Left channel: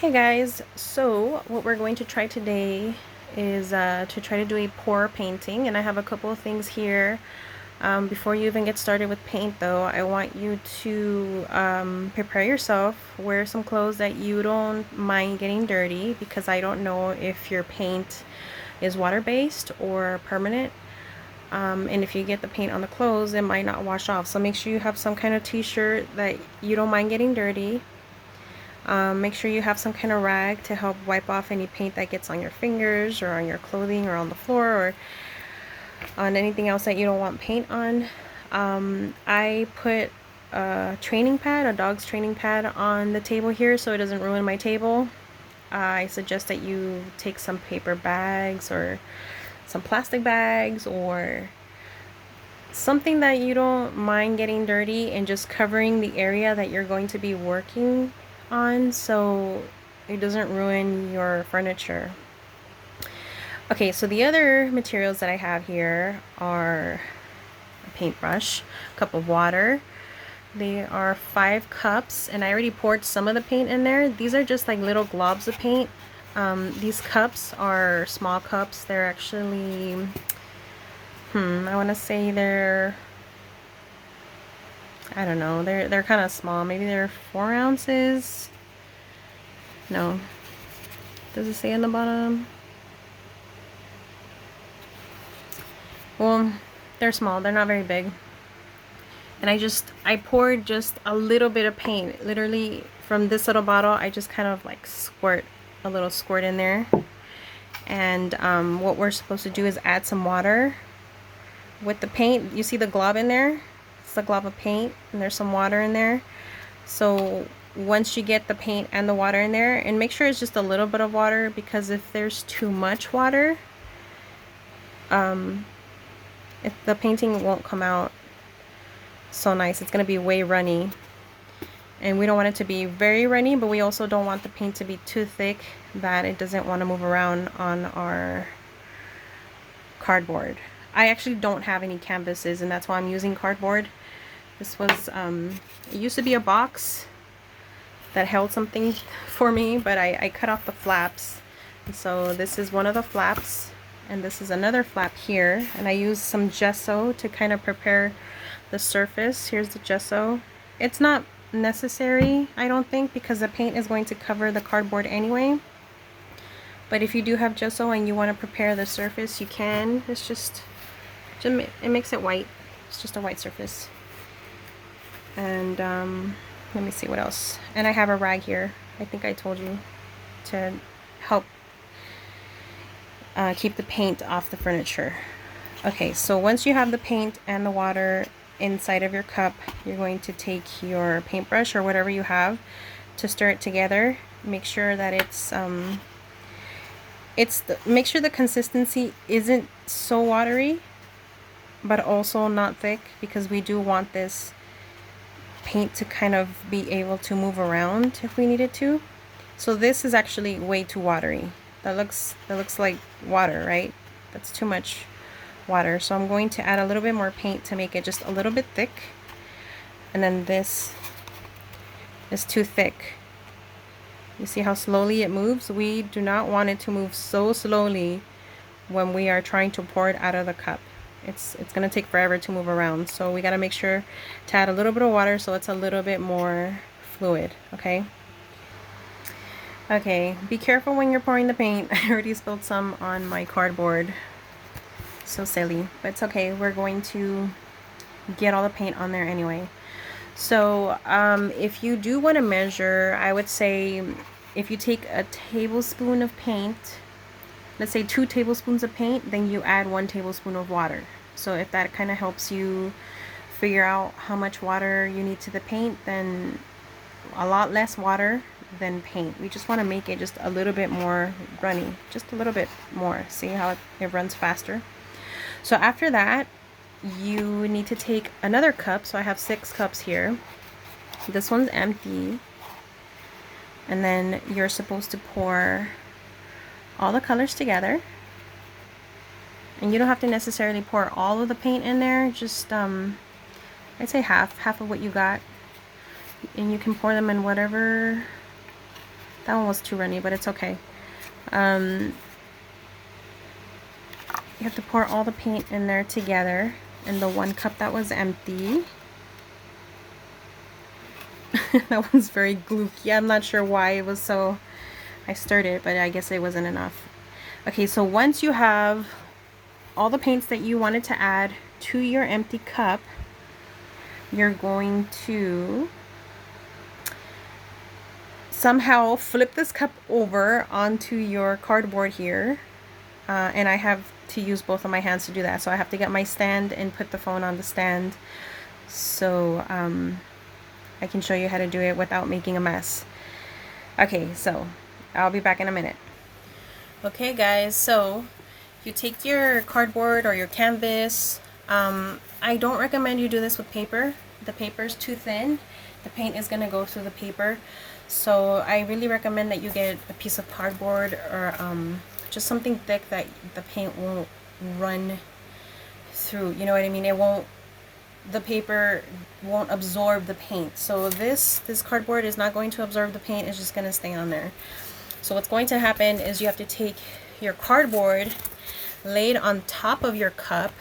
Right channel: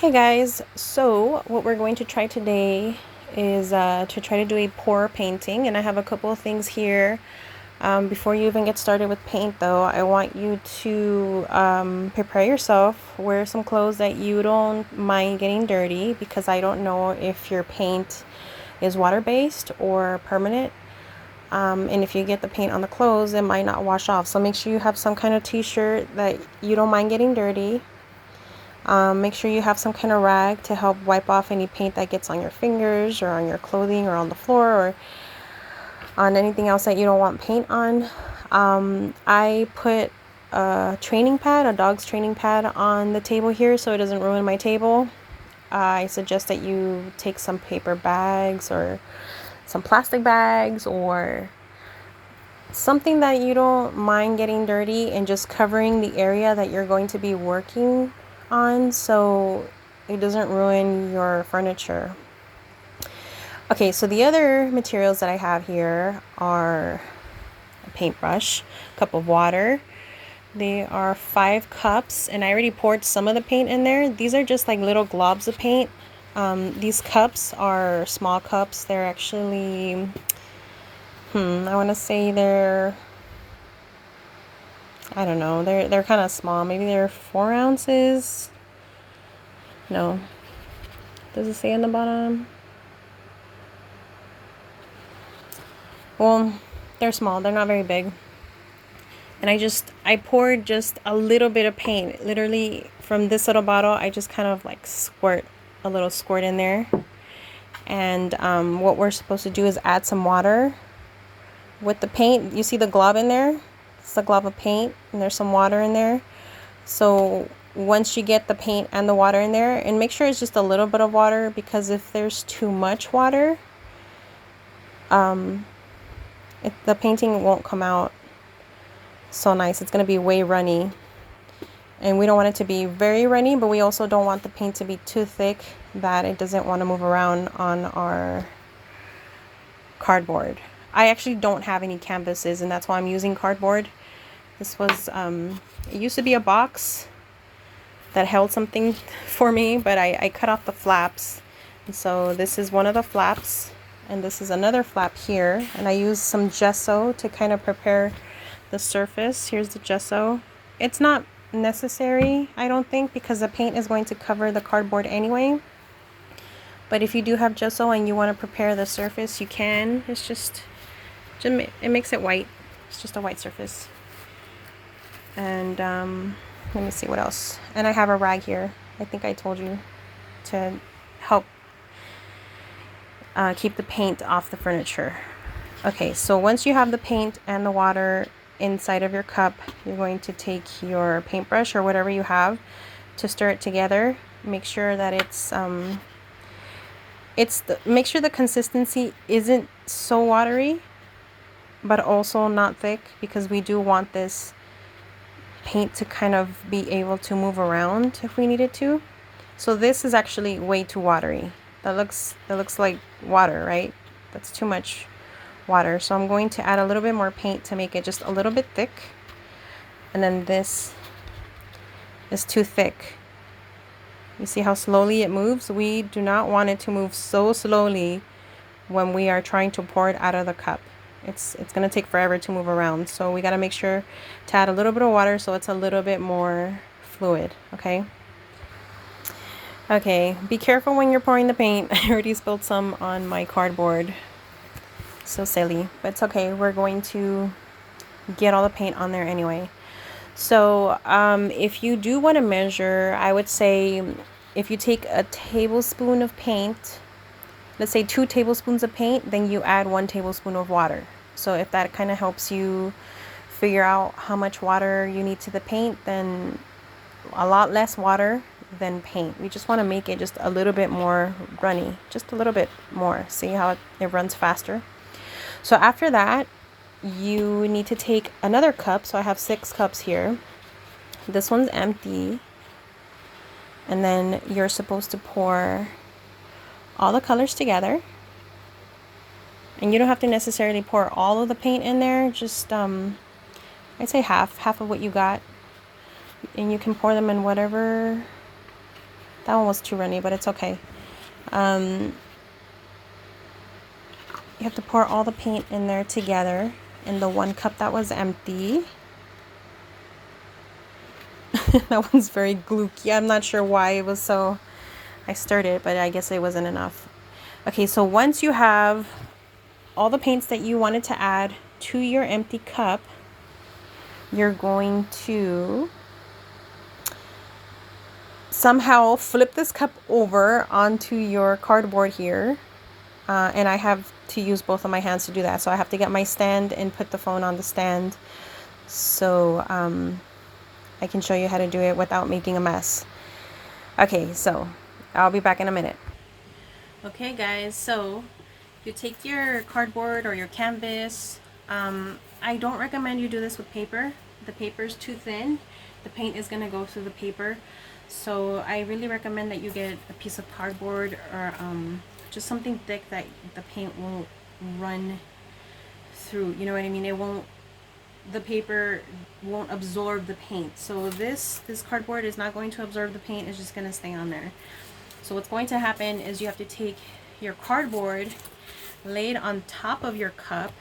Hey guys, so what we're going to try today is to try to do a pour painting, and I have a couple of things here. Before you even get started with paint though, I want you to prepare yourself, wear some clothes that you don't mind getting dirty, because I don't know if your paint is water-based or permanent. And if you get the paint on the clothes, it might not wash off. So make sure you have some kind of t-shirt that you don't mind getting dirty. Make sure you have some kind of rag to help wipe off any paint that gets on your fingers or on your clothing or on the floor or on anything else that you don't want paint on. I put a training pad, a dog's training pad, on the table here so it doesn't ruin my table. I suggest that you take some paper bags or some plastic bags or something that you don't mind getting dirty and just covering the area that you're going to be working on so it doesn't ruin your furniture. Okay, so the other materials that I have here are a paintbrush, a cup of water. They are 5 cups, and I already poured some of the paint in there. These are just like little globs of paint. These cups are small cups. They're actually, I want to say I don't know, they're kind of small. Maybe they're 4 ounces. No. Does it say on the bottom? Well, they're small. They're not very big. And I poured just a little bit of paint. Literally from this little bottle, I just kind of like squirt a little squirt in there. And what we're supposed to do is add some water with the paint. You see the glob in there? It's a glob of paint, and there's some water in there. So once you get the paint and the water in there, and make sure it's just a little bit of water, because if there's too much water, the painting won't come out so nice. It's going to be way runny, and we don't want it to be very runny, but we also don't want the paint to be too thick that it doesn't want to move around on our cardboard. I actually don't have any canvases, and that's why I'm using cardboard. This was it used to be a box that held something for me, but I cut off the flaps. And so this is one of the flaps, and this is another flap here, and I used some gesso to kind of prepare the surface. Here's the gesso. It's not necessary, I don't think, because the paint is going to cover the cardboard anyway. But if you do have gesso and you want to prepare the surface, you can. It's just it makes it white. It's just a white surface. And let me see what else. And I have a rag here. I think I told you, to help keep the paint off the furniture. Okay, so once you have the paint and the water inside of your cup, you're going to take your paintbrush or whatever you have to stir it together. Make sure that make sure the consistency isn't so watery, but also not thick, because we do want this paint to kind of be able to move around if we needed to. So this is actually way too watery. That looks like water, right? That's too much water. So I'm going to add a little bit more paint to make it just a little bit thick. And then this is too thick. You see how slowly it moves? We do not want it to move so slowly when we are trying to pour it out of the cup. It's going to take forever to move around. So we got to make sure to add a little bit of water so it's a little bit more fluid, okay? Okay, be careful when you're pouring the paint. I already spilled some on my cardboard. So silly, but it's okay. We're going to get all the paint on there anyway. So if you do want to measure, I would say if you take a tablespoon of paint, let's say 2 tablespoons of paint, then you add 1 tablespoon of water. So if that kind of helps you figure out how much water you need to the paint, then a lot less water than paint. We just want to make it just a little bit more runny, just a little bit more. See how it runs faster? So after that, you need to take another cup. So I have 6 cups here. This one's empty. And then you're supposed to pour all the colors together. And you don't have to necessarily pour all of the paint in there. Just, I'd say half of what you got. And you can pour them in whatever That one was too runny, but it's okay. You have to pour all the paint in there together in the one cup that was empty. That one's very glooky. I'm not sure why it was so... I stirred it, but I guess it wasn't enough. Okay, so once you have all the paints that you wanted to add to your empty cup, you're going to somehow flip this cup over onto your cardboard here. And I have to use both of my hands to do that. So I have to get my stand and put the phone on the stand so I can show you how to do it without making a mess. Okay, so I'll be back in a minute. Okay guys, so you take your cardboard or your canvas. I don't recommend you do this with paper. The paper is too thin. The paint is going to go through the paper. So I really recommend that you get a piece of cardboard or just something thick that the paint won't run through. You know what I mean? The paper won't absorb the paint. So this cardboard is not going to absorb the paint. It's just going to stay on there. So what's going to happen is you have to take your cardboard, lay it on top of your cup.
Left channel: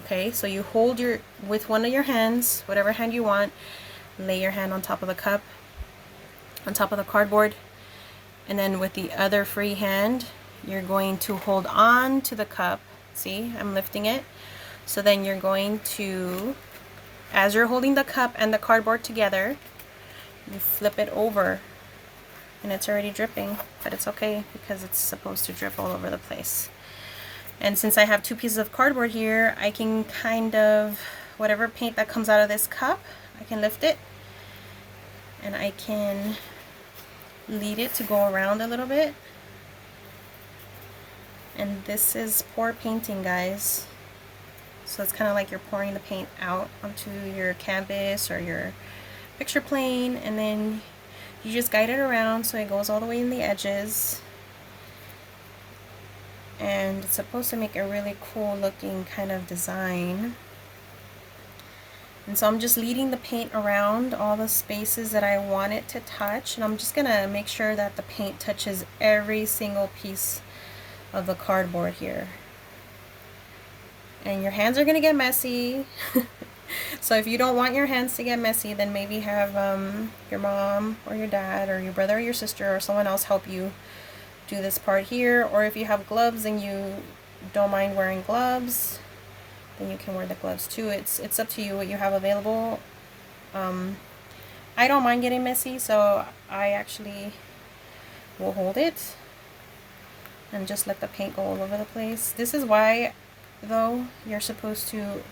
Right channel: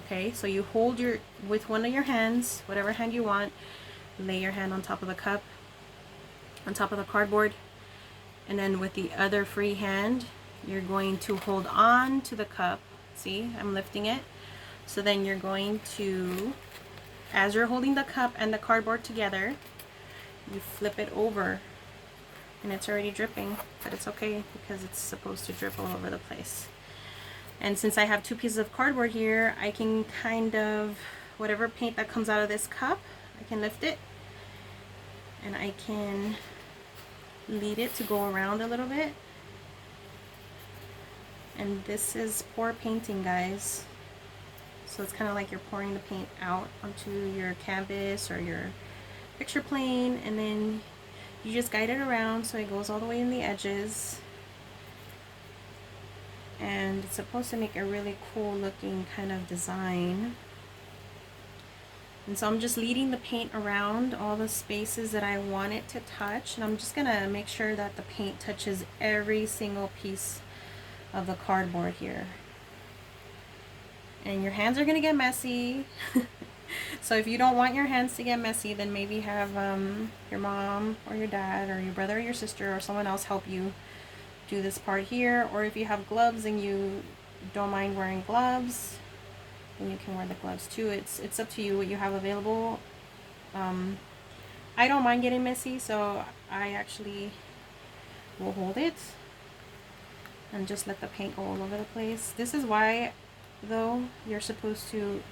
Okay, so you hold with one of your hands, whatever hand you want, lay your hand on top of the cup, on top of the cardboard, and then with the other free hand, you're going to hold on to the cup. See, I'm lifting it. So then you're going to, as you're holding the cup and the cardboard together, you flip it over. And it's already dripping, but it's okay because it's supposed to drip all over the place. And since I have two pieces of cardboard here, I can kind of, whatever paint that comes out of this cup, I can lift it and I can lead it to go around a little bit. And this is pour painting, guys. So it's kind of like you're pouring the paint out onto your canvas or your picture plane, and then you just guide it around so it goes all the way in the edges. And it's supposed to make a really cool looking kind of design. And so I'm just leading the paint around all the spaces that I want it to touch, and I'm just gonna make sure that the paint touches every single piece of the cardboard here. And your hands are gonna get messy. So if you don't want your hands to get messy, then maybe have your mom or your dad or your brother or your sister or someone else help you do this part here. Or if you have gloves and you don't mind wearing gloves, then you can wear the gloves too. It's up to you what you have available. I don't mind getting messy, so I actually will hold it and just let the paint go all over the place. This is why, though, you're supposed to,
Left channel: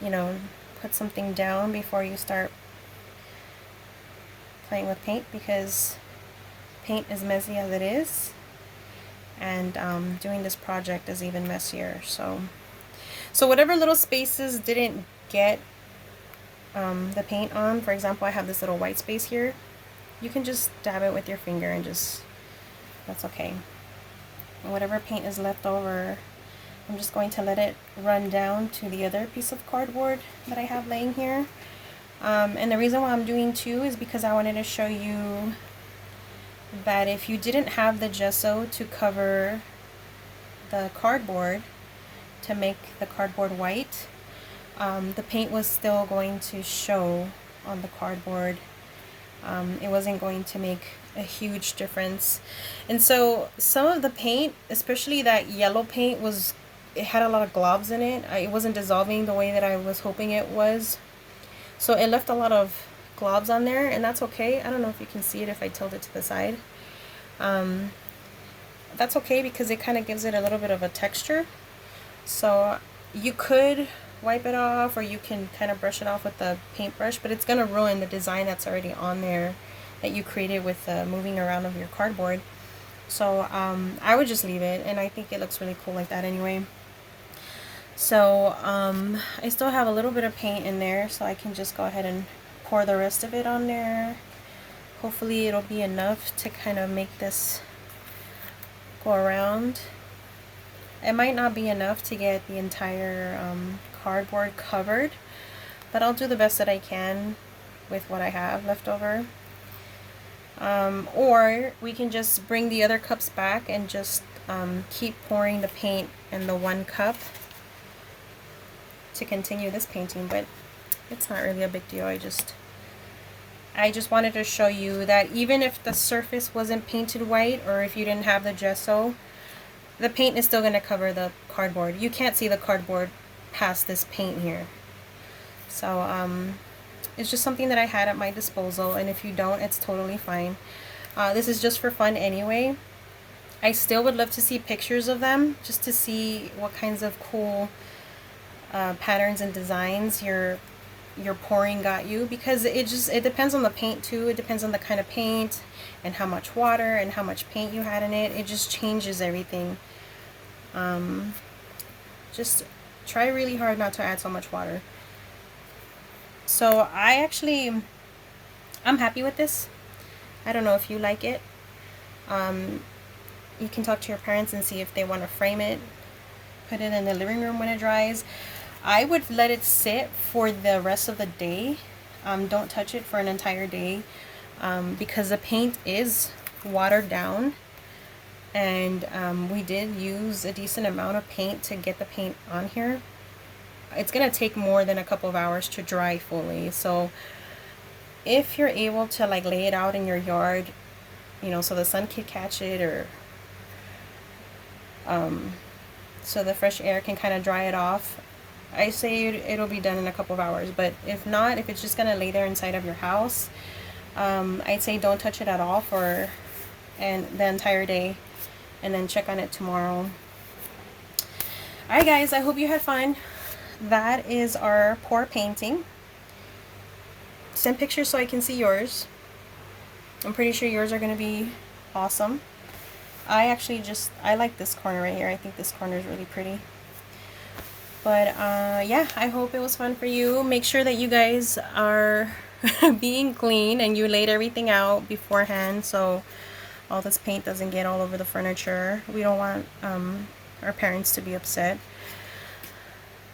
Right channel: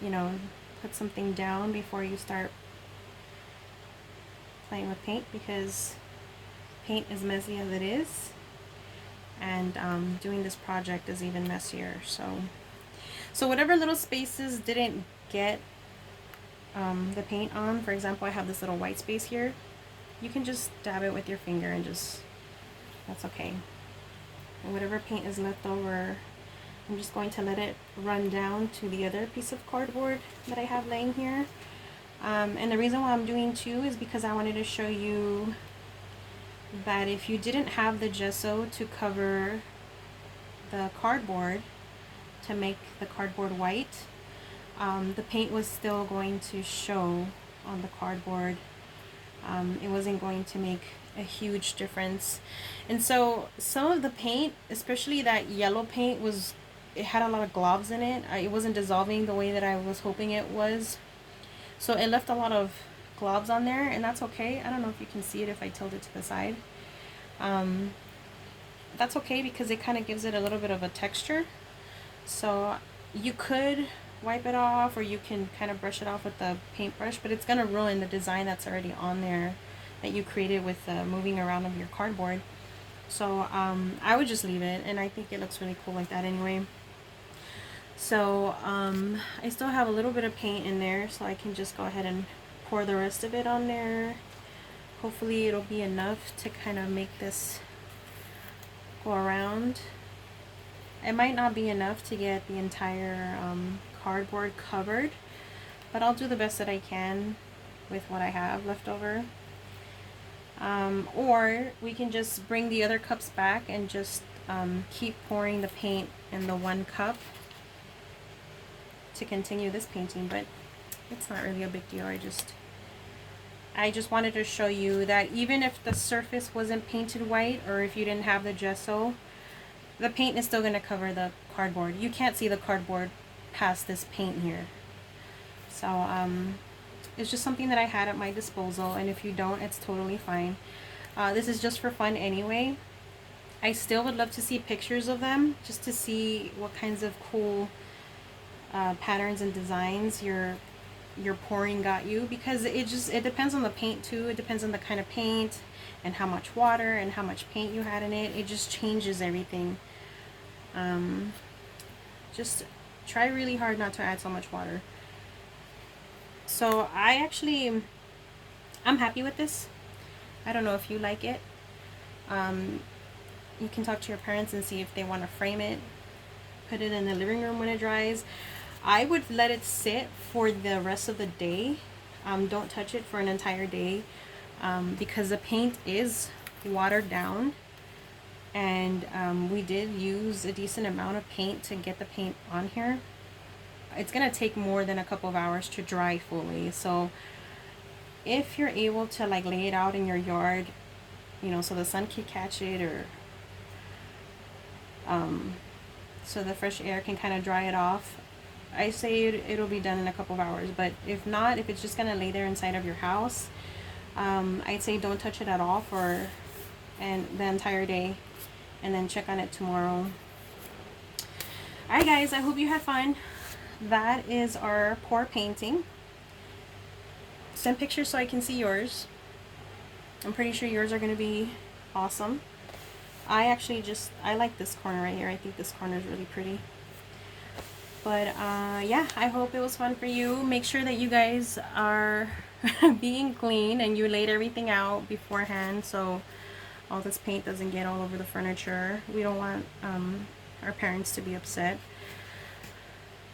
you know, put something down before you start playing with paint, because paint is messy as it is, and doing this project is even messier. So whatever little spaces didn't get the paint on, for example, I have this little white space here, you can just dab it with your finger and just, that's okay. And whatever paint is left over, I'm just going to let it run down to the other piece of cardboard that I have laying here. And the reason why I'm doing two is because I wanted to show you that if you didn't have the gesso to cover the cardboard to make the cardboard white, the paint was still going to show on the cardboard. It wasn't going to make a huge difference. And so some of the paint, especially that yellow paint, it had a lot of globs in it. It wasn't dissolving the way that I was hoping it was. So it left a lot of globs on there, and that's okay. I don't know if you can see it if I tilt it to the side. That's okay because it kind of gives it a little bit of a texture. So you could wipe it off, or you can kind of brush it off with the paintbrush, but it's going to ruin the design that's already on there that you created with the moving around of your cardboard. So I would just leave it, and I think it looks really cool like that anyway. So I still have a little bit of paint in there, so I can just go ahead and pour the rest of it on there. Hopefully it'll be enough to kind of make this go around. It might not be enough to get the entire cardboard covered, but I'll do the best that I can with what I have left over. Or we can just bring the other cups back and just keep pouring the paint in the one cup to continue this painting, but it's not really a big deal. I just wanted to show you that even if the surface wasn't painted white, or if you didn't have the gesso, the paint is still going to cover the cardboard. You can't see the cardboard past this paint here. So it's just something that I had at my disposal, and if you don't, it's totally fine. This is just for fun anyway. I still would love to see pictures of them, just to see what kinds of cool patterns and designs your pouring got you, because it depends on the paint too. It depends on the kind of paint and how much water and how much paint you had in it. It just changes everything. Just try really hard not to add so much water. So I'm happy with this. I don't know if you like it. You can talk to your parents and see if they want to frame it, put it in the living room when it dries. I would let it sit for the rest of the day. Don't touch it for an entire day, because the paint is watered down, and we did use a decent amount of paint to get the paint on here. It's gonna take more than a couple of hours to dry fully, so if you're able to like lay it out in your yard, you know, so the sun can catch it, or so the fresh air can kind of dry it off, I say it'll be done in a couple of hours. But if not, if it's just gonna lay there inside of your house, I'd say don't touch it at all for the entire day, and then check on it tomorrow. Alright guys, I hope you had fun. That is our pour painting. Send pictures so I can see yours. I'm pretty sure yours are going to be awesome. I like this corner right here. I think this corner is really pretty. But yeah, I hope it was fun for you. Make sure that you guys are being clean and you laid everything out beforehand, so all this paint doesn't get all over the furniture. We don't want our parents to be upset.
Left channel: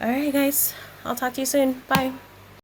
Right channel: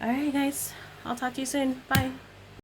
Alright guys, I'll talk to you soon. Bye.